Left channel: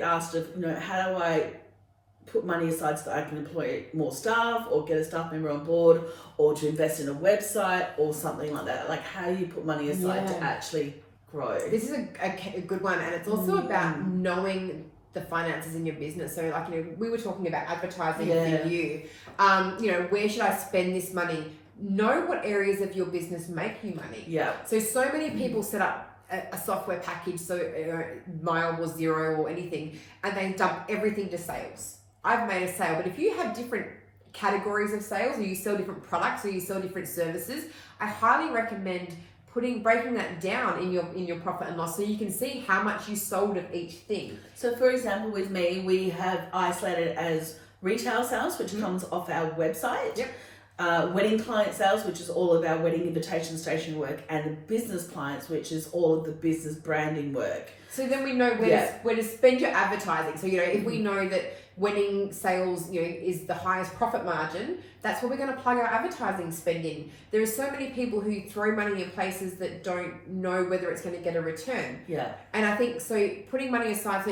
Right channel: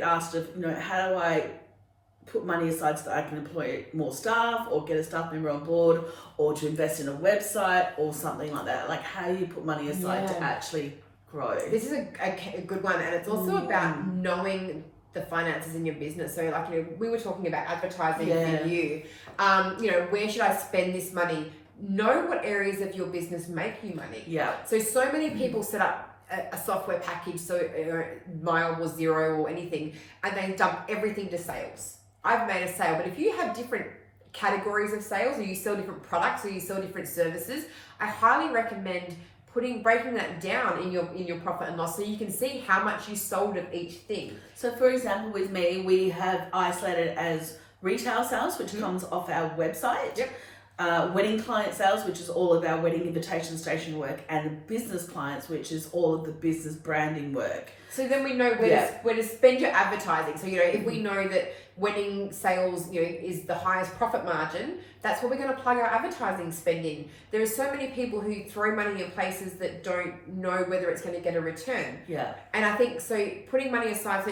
get asked of, how do I put money aside so that I can employ more staff or get a staff member on board or to invest in a website or something like that. Like, how do you put money aside to actually grow? This is a good one, and it's also about knowing the finances in your business. So like, we were talking about advertising for you. Where should I spend this money? Know what areas of your business make you money. Yeah. So many people set up a software package, so Mile or Xero or anything, and they dump everything to sales. I've made a sale, but if you have different categories of sales, or you sell different products, or you sell different services, I highly recommend breaking that down in your profit and loss, so you can see how much you sold of each thing. So for example, with me, we have isolated as retail sales, which comes off our website. Yep. Wedding client sales, which is all of our wedding invitation station work, and the business clients, which is all of the business branding work. So then we know where to spend your advertising. So, if we know that wedding sales, is the highest profit margin, that's where we're going to plug our advertising spend in. There are so many people who throw money in places that don't know whether it's going to get a return. Yeah. And I think, so putting money aside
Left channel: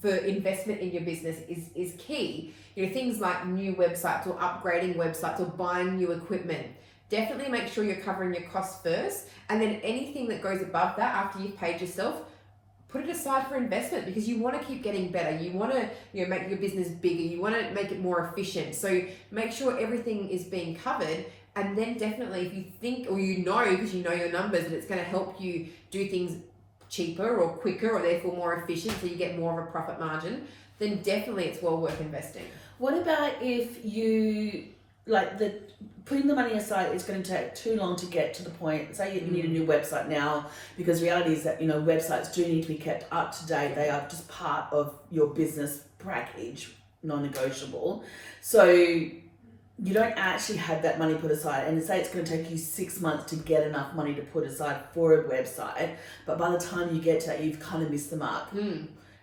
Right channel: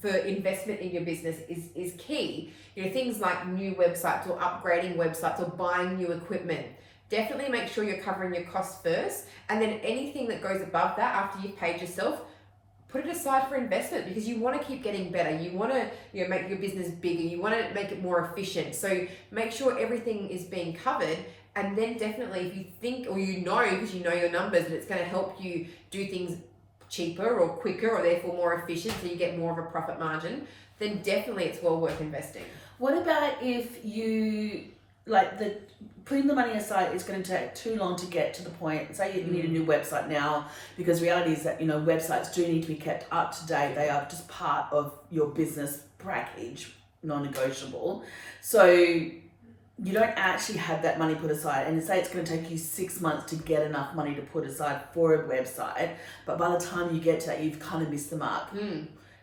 for investment in your business is key. Things like new websites or upgrading websites or buying new equipment. Definitely make sure you're covering your costs first, and then anything that goes above that after you've paid yourself, put it aside for investment, because you want to keep getting better. You want to make your business bigger. You want to make it more efficient. So make sure everything is being covered. And then definitely, if you think, or because you know your numbers, that it's going to help you do things cheaper or quicker, or therefore more efficient, so you get more of a profit margin, then definitely it's well worth investing. What about if you putting the money aside is going to take too long to get to the point? Say you need a new website now, because reality is that websites do need to be kept up to date. They are just part of your business package, non-negotiable. So you don't actually have that money put aside, and say it's going to take you 6 months to get enough money to put aside for a website, but by the time you get to that, you've kind of missed the mark.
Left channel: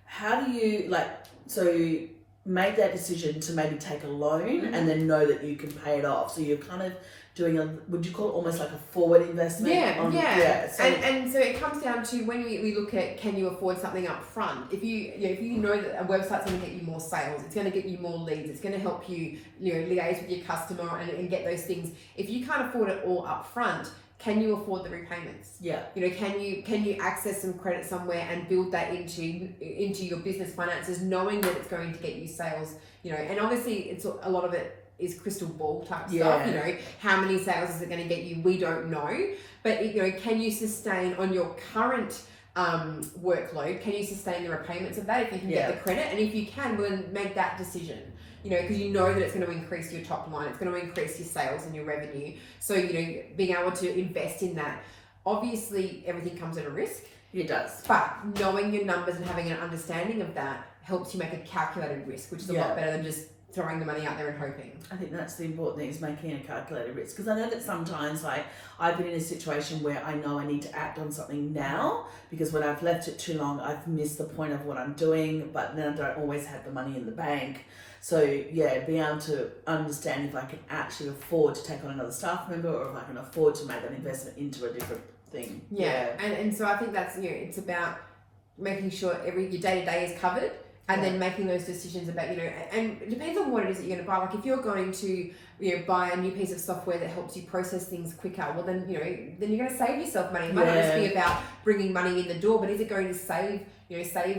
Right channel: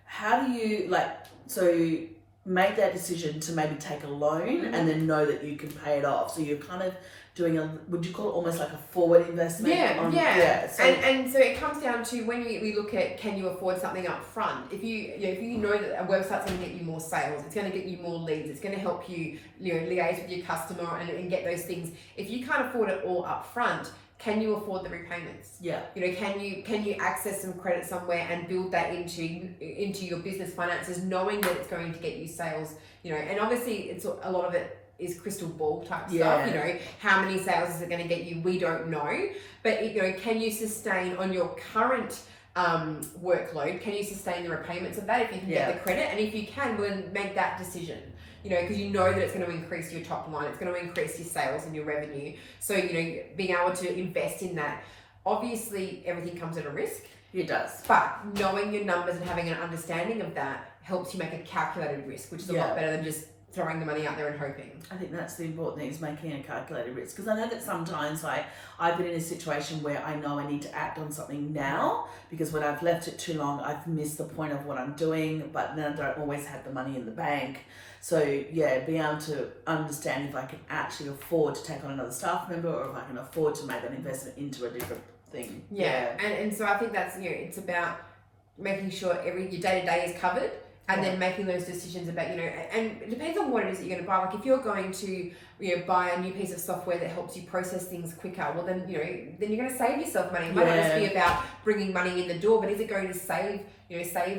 How do you make that decision to maybe take a loan and then know that you can pay it off? So you're kind of doing would you call it almost like a forward investment? So, and so it comes down to, when we look at, can you afford something up front? If you know that a website's going to get you more sales, it's going to get you more leads, it's going to help you, liaise with your customer and get those things. If you can't afford it all up front, can you afford the repayments? Yeah. Can you access some credit somewhere and build that into your business finances, knowing that it's going to get you sales? And obviously it's a lot of it is crystal ball type stuff. How many sales is it going to get you? We don't know. But can you sustain on your current workload? Can you sustain the repayments of that if you can get the credit? And if you can, well, then make that decision. Because you know that it's going to increase your top line, it's going to increase your sales and your revenue. So, being able to invest in that. Obviously, everything comes at a risk. It does. But knowing your numbers and having an understanding of that helps you make a calculated risk, which is a lot better than just throwing the money out there and hoping. I think that's the important thing, is making a calculated risk. Because I know that sometimes, I've been in a situation where I know I need to act on something now, because when I've left it too long, I've missed the point of what I'm doing, but then I don't always have the money in the bank. So being able to understand if I can actually afford to take on another staff member, or if I can afford to make an investment into a different thing. And so I think that's, it's about making sure your day-to-day is covered, and then making those decisions about, and it depends on what it is that you're going to buy. Like, if you're going to, buy a new piece of software that helps you process things quicker, well then, then you're going to save yourself money. It might not just be about bringing money in the door, but is it going to save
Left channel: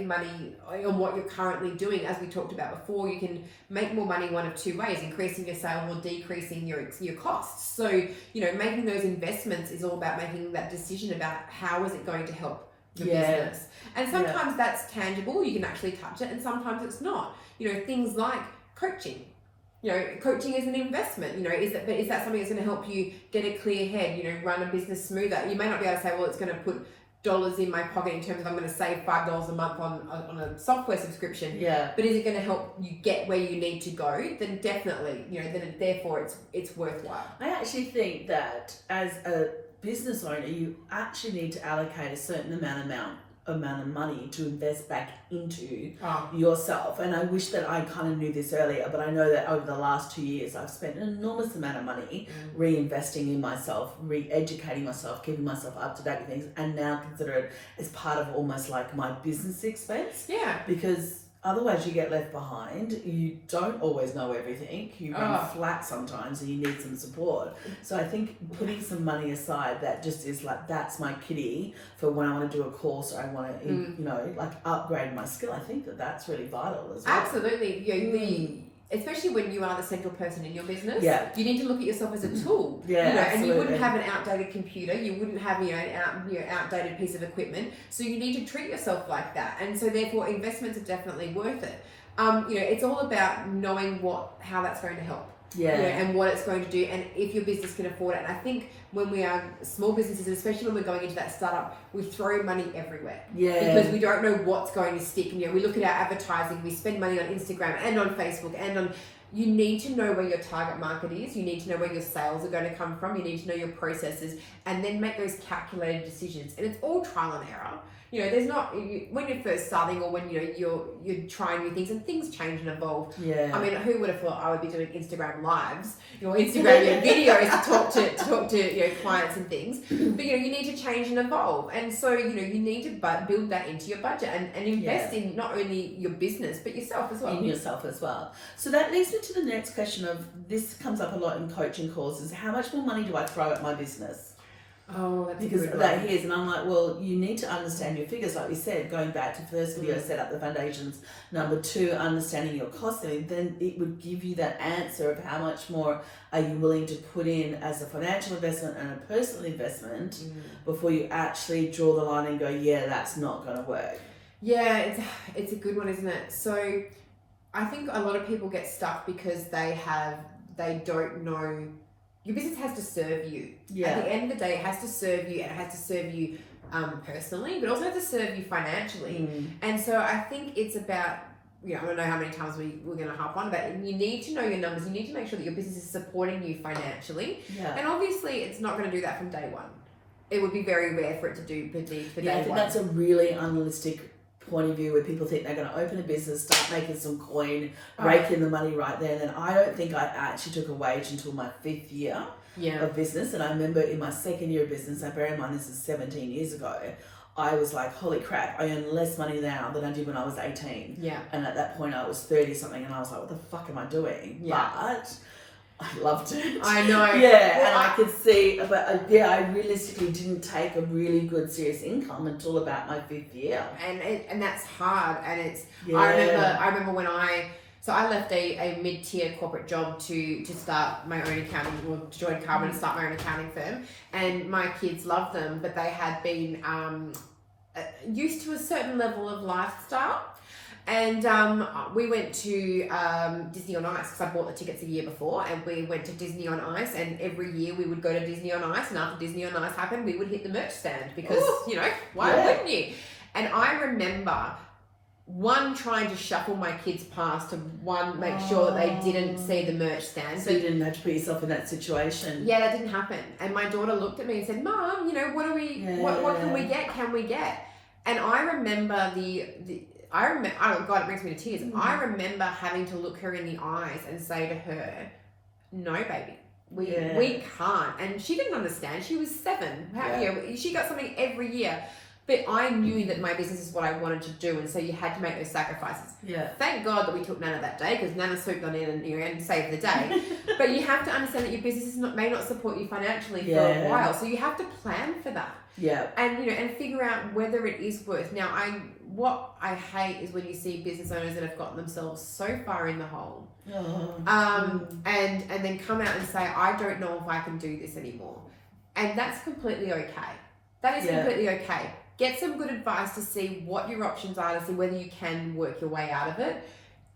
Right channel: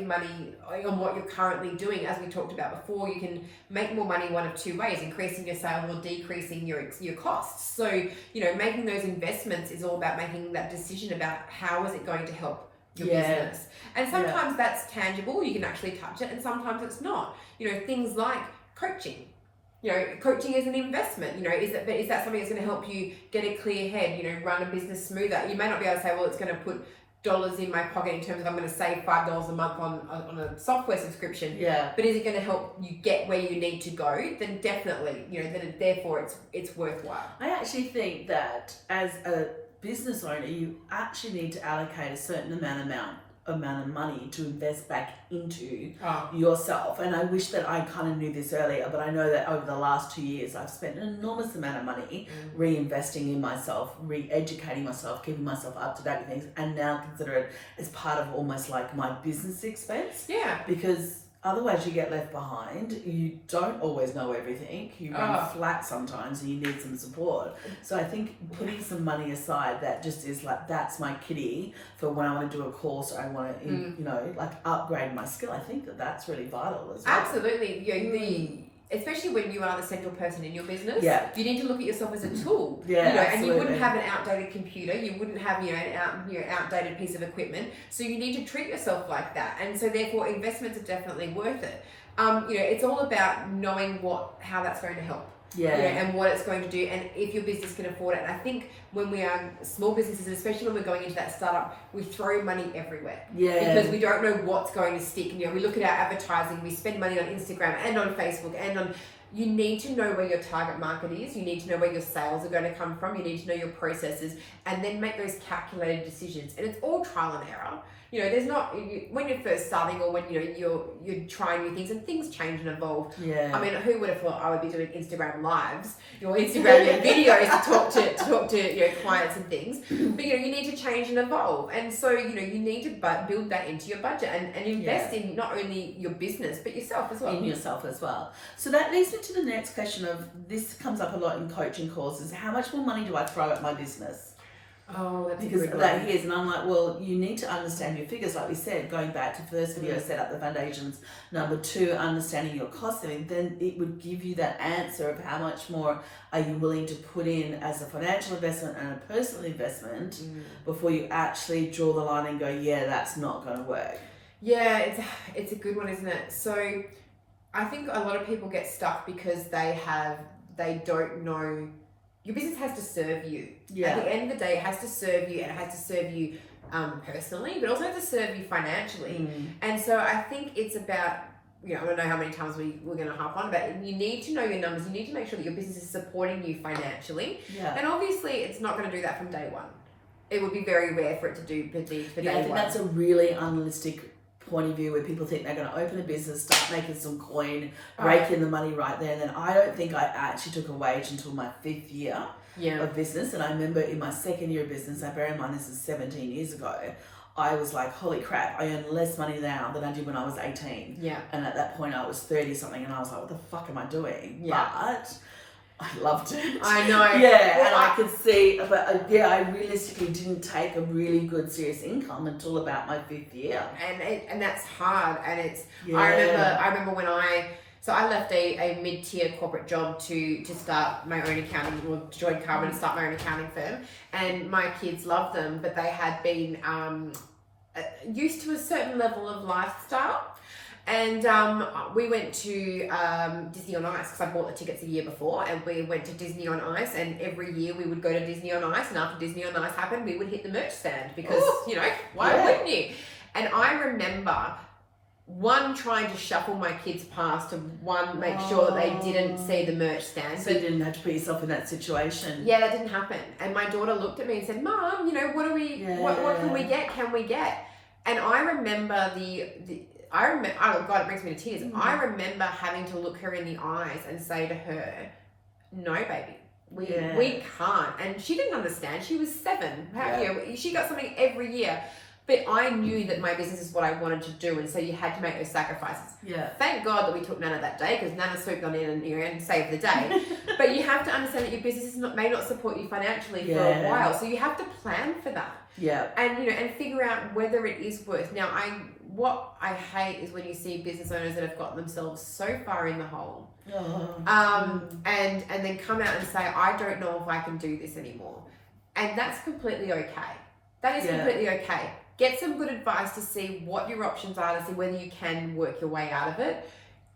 money on what you're currently doing? As we talked about before, you can make more money one of two ways: increasing your sales or decreasing your costs. So, making those investments is all about making that decision about how is it going to help your business. And sometimes that's tangible, you can actually touch it, and sometimes it's not. Things like coaching. Coaching is an investment. Is that something that's going to help you get a clear head, run a business smoother? You may not be able to say, well, it's going to put dollars in my pocket in terms of I'm going to save $5 a month on a software subscription. But is it going to help you get where you need to go? Then definitely, then therefore it's worthwhile. I actually think that as a business owner, you actually need to allocate a certain amount amount of money to invest back into Oh. yourself. And I wish that I kind of knew this earlier, but I know that over the last 2 years, I've spent an enormous amount of money reinvesting in myself, re-educating myself, keeping myself up to date with things, and now consider it as part of almost like my business expense. Yeah. Because otherwise you get left behind. You don't always know everything. You run flat sometimes and you need some support. So I think putting some money aside that just is like, that's my kitty for when I want to do a course or I want to, you know, like upgrade my skill. I think that that's really vital as well. Absolutely. Especially when you are the central person in your business, you need to look at yourself as a tool. Yeah, you know, absolutely. and you wouldn't have an outdated computer, you wouldn't have an outdated piece of equipment. So you need to treat yourself like that, and so therefore investments are definitely worth it. You know, it's all about knowing how that's going to help. And what it's going to do, and if your business can afford it. And I think when we are small businesses, and especially when we're going into that startup, we throw money everywhere because we don't know what's going to stick. You know, we look at our advertising, we spend money on Instagram and on Facebook and on. You need to know where your target market is. You need to know where your sales are going to come from. You need to know your processes, and then make those calculated decisions. And it's all trial and error. You know, there's not when you're first starting, or when you're trying new things, and things change and evolve. I mean, who would have thought I would be doing Instagram lives, Instagram videos to talk to clients and things? But you need to change and evolve, and so you need to build that into your budget and invest in not only your business but yourself as well. In yourself as well. So that leads me to the next question of, this comes up a lot in coaching courses: how much more money do I throw at my business? Oh, that's because a good that one. is, and I'm like, well, you need to understand your figures, like we said, going back to first video, set up the foundations. Number 2, understanding your costing. Then it would give you that answer of how much more are you willing to put in as a financial investment and a personal investment before you actually draw the line and go, yeah, that's not going to work. Yeah, it's a good one, isn't it? So I think a lot of people get stuck because they don't know. Your business has to serve you. At the end of the day, it has to serve you, and it has to serve you personally, but also has to serve you financially. And so I think it's about, I don't know how many times we're going to harp on about it. You need to know your numbers. You need to make sure that your business is supporting you financially. And obviously, it's not going to do that from day one. It would be very rare for it to do for day one. I think that's a really unrealistic point of view, where people think they're going to open a business, start making some coin, rake in the money right there. And then I don't think I actually took a wage until my 5th year of business. And I remember in my 2nd year of business, I bear in mind this is 17 years ago, I was like, holy crap, I earn less money now than I did when I was 18. And at that point I was 30 something, and I was like, what the fuck am I doing? But I loved it. I know. Well, and I could see, but I realistically didn't take a really good serious income until about my 5th year. And that's hard. And it's, I remember when I left a mid-tier corporate job to start my own accounting, or to join Carbon and start my own accounting firm. And my kids loved them, but they had been used to a certain level of lifestyle. And we went to Disney on Ice, because I bought the tickets a year before, and we went to Disney on Ice, and every year we would go to Disney on Ice, and after Disney on Ice happened, we would hit the merch stand, because, why wouldn't you? And I remember, one, trying to shuffle my kids past, to make sure that they didn't see the merch stand. So you didn't have to put yourself in that situation. Yeah, that didn't happen. And my daughter looked at me and said, Mom, what do we, what can we get? Can we get? And I remember oh God, it brings me to tears. I remember having to look her in the eyes and say to her, no, baby, we can't. And she didn't understand. She was 7. She got something every year. But I knew that my business is what I wanted to do, and so you had to make those sacrifices. Thank God that we took Nana that day, because Nana swooped on in and saved the day. But you have to understand that your business may not support you financially for a while, so you have to plan for that. And and figure out whether it is worth. Now, what I hate is when you see business owners that have gotten themselves so far in the hole, and then come out and say, I don't know if I can do this anymore. And that's completely okay. That is completely okay. Get some good advice to see what your options are, to see whether you can work your way out of it.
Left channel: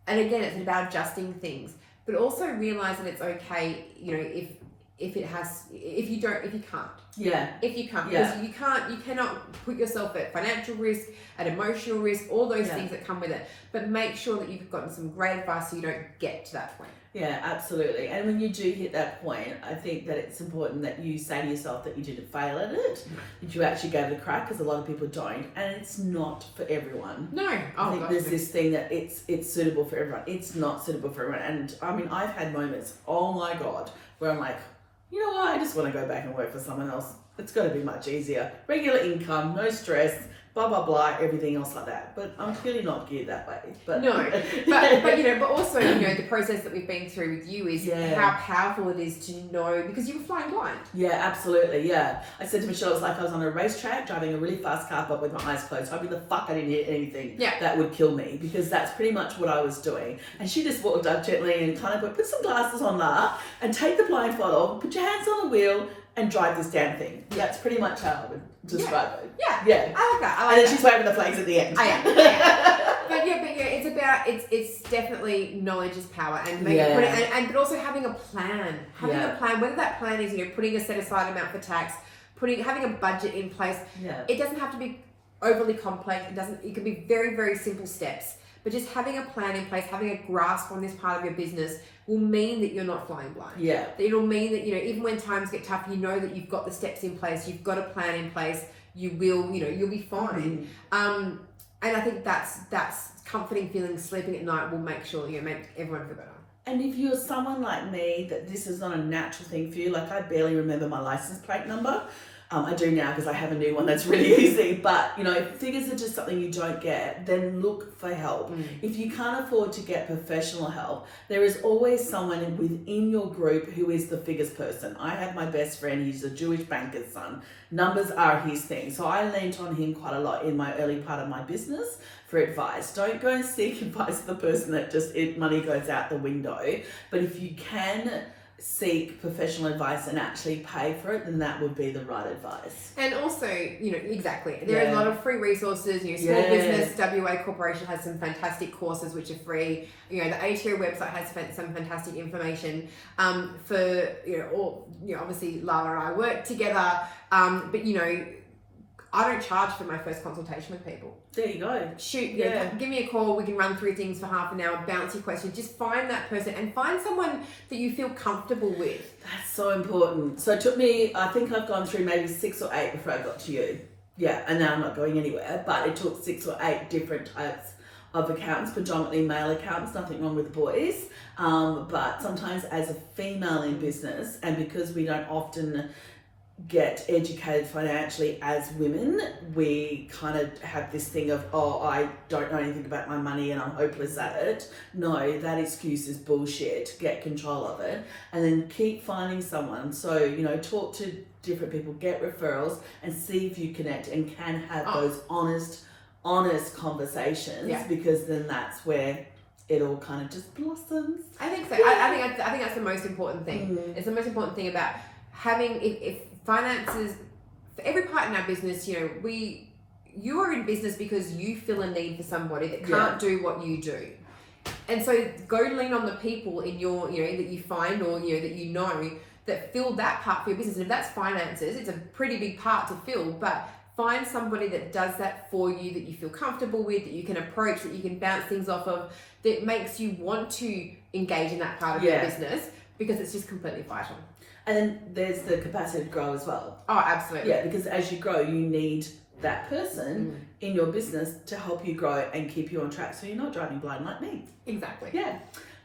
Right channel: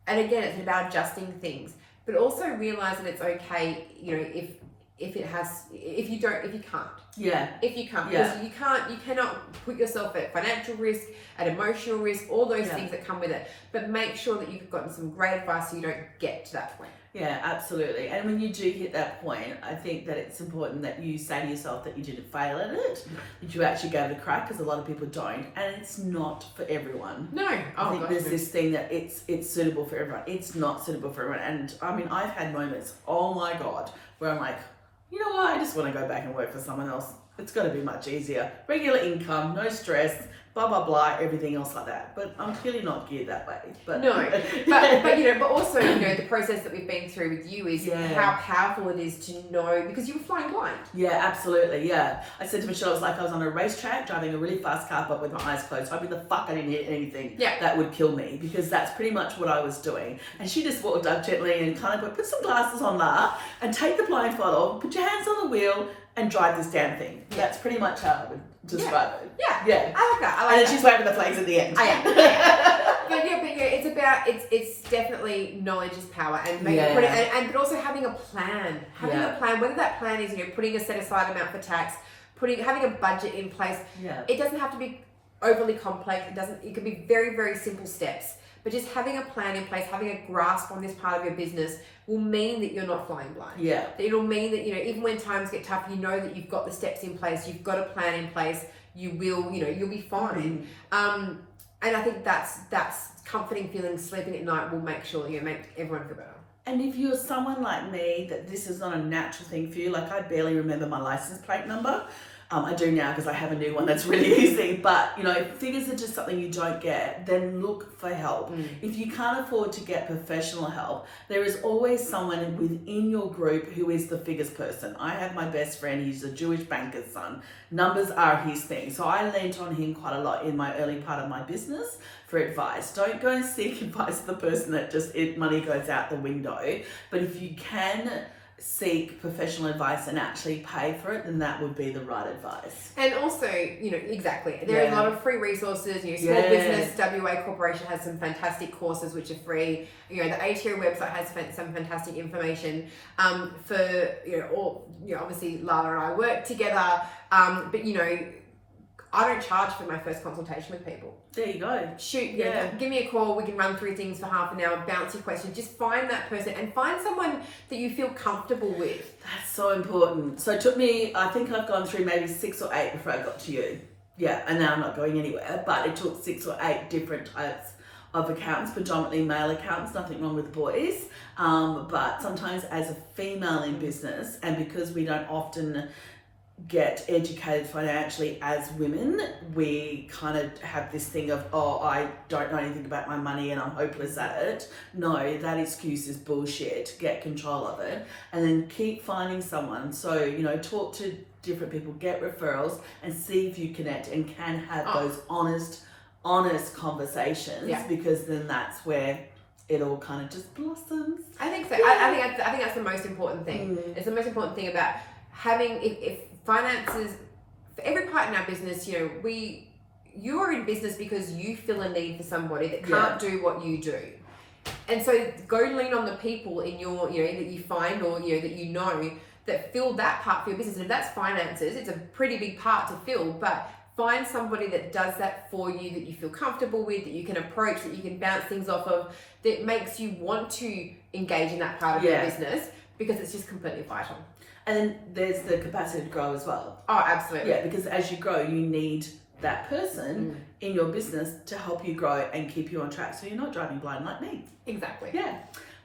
And again, it's about adjusting things, but also realize that it's okay, if you can't. Yeah. If you can't, because you cannot put yourself at financial risk, at emotional risk, all those things that come with it. But make sure that you've gotten some great advice so you don't get to that point. Yeah, absolutely. And when you do hit that point, I think that it's important that you say to yourself that you didn't fail at it, that you actually gave it a crack, because a lot of people don't, and it's not for everyone. No, I think there's this thing that it's suitable for everyone. It's not suitable for everyone. And I mean, I've had moments, oh my God, where I'm like, you know what, I just want to go back and work for someone else. It's got to be much easier. Regular income, no stress, blah, blah, blah, everything else like that. But I'm clearly not geared that way. But no, but also, the process that we've been through with you is how powerful it is to know, because you were flying blind. Yeah, absolutely, yeah. I said to Michelle, it was like I was on a racetrack driving a really fast car, but with my eyes closed, hoping the fuck I didn't hit anything that would kill me, because that's pretty much what I was doing. And she just walked up gently and kind of went, put some glasses on, Ma, and take the blindfold off, put your hands on the wheel, and drive this damn thing. That's pretty much how I would describe it. Yeah. I like that. And then she's waving the flags at the end. It's definitely knowledge is power, and but also having a plan. A plan, whether that plan is putting a set aside amount for tax, having a budget in place. It doesn't have to be overly complex. It can be very, very simple steps. But just having a plan in place, having a grasp on this part of your business will mean that you're not flying blind. Yeah. It'll mean that, even when times get tough, you know that you've got the steps in place, you've got a plan in place, you'll be fine. And I think that's comforting feeling, sleeping at night will make sure that make everyone feel better. And if you're someone like me, that this is not a natural thing for you, like I barely remember my license plate number. I do now because I have a new one that's really easy, but if figures are just something you don't get, then look for help. If you can't afford to get professional help, there is always someone within your group who is the figures person. I have my best friend, he's a Jewish banker's son. Numbers are his thing. So I leaned on him quite a lot in my early part of my business for advice. Don't go and seek advice of the person that money goes out the window. But if you can seek professional advice and actually pay for it, then that would be the right advice. And also, exactly. There are a lot of free resources. Small Business WA Corporation has some fantastic courses which are free. The ATO website has some fantastic information. Obviously Lala and I work together. But I don't charge for my first consultation with people. There you go. Shoot, give me a call. We can run through things for half an hour, bounce your questions. Just find that person and find someone that you feel comfortable with. That's so important. So it took me, I think I've gone through maybe 6 or 8 before I got to you. Yeah, and now I'm not going anywhere, but it took 6 or 8 different types of accountants, predominantly male accountants, nothing wrong with boys. But sometimes as a female in business, and because we don't often get educated financially as women, we kind of have this thing of, I don't know anything about my money and I'm hopeless at it. No, that excuse is bullshit. Get control of it and then keep finding someone. So, talk to different people, get referrals and see if you connect and can have those honest conversations, because then that's where it all kind of just blossoms. I think so. I think that's the most important thing. It's the most important thing about having, if finances, for every part in our business, you are in business because you feel a need for somebody that can't do what you do. And so go lean on the people in your, that you find or, that that fill that part for your business. And if that's finances, it's a pretty big part to fill, but find somebody that does that for you, that you feel comfortable with, that you can approach, that you can bounce things off of, that makes you want to engage in that part of your business, because it's just completely vital. And then there's the capacity to grow as well. Oh, absolutely. Yeah, because as you grow, you need that person in your business to help you grow and keep you on track so you're not driving blind like me. Exactly. Yeah.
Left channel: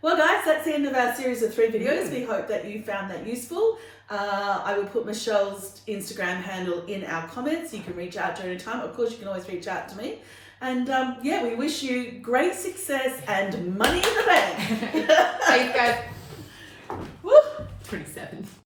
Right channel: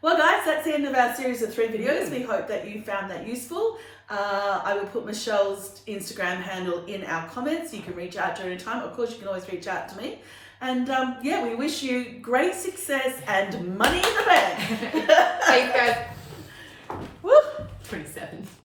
Well, guys, that's the end of our series of 3 videos. We hope that you found that useful. I will put Michelle's Instagram handle in our comments. You can reach out to her anytime. Of course, you can always reach out to me. And we wish you great success and money in the bank. Thanks, guys. Woo! 27.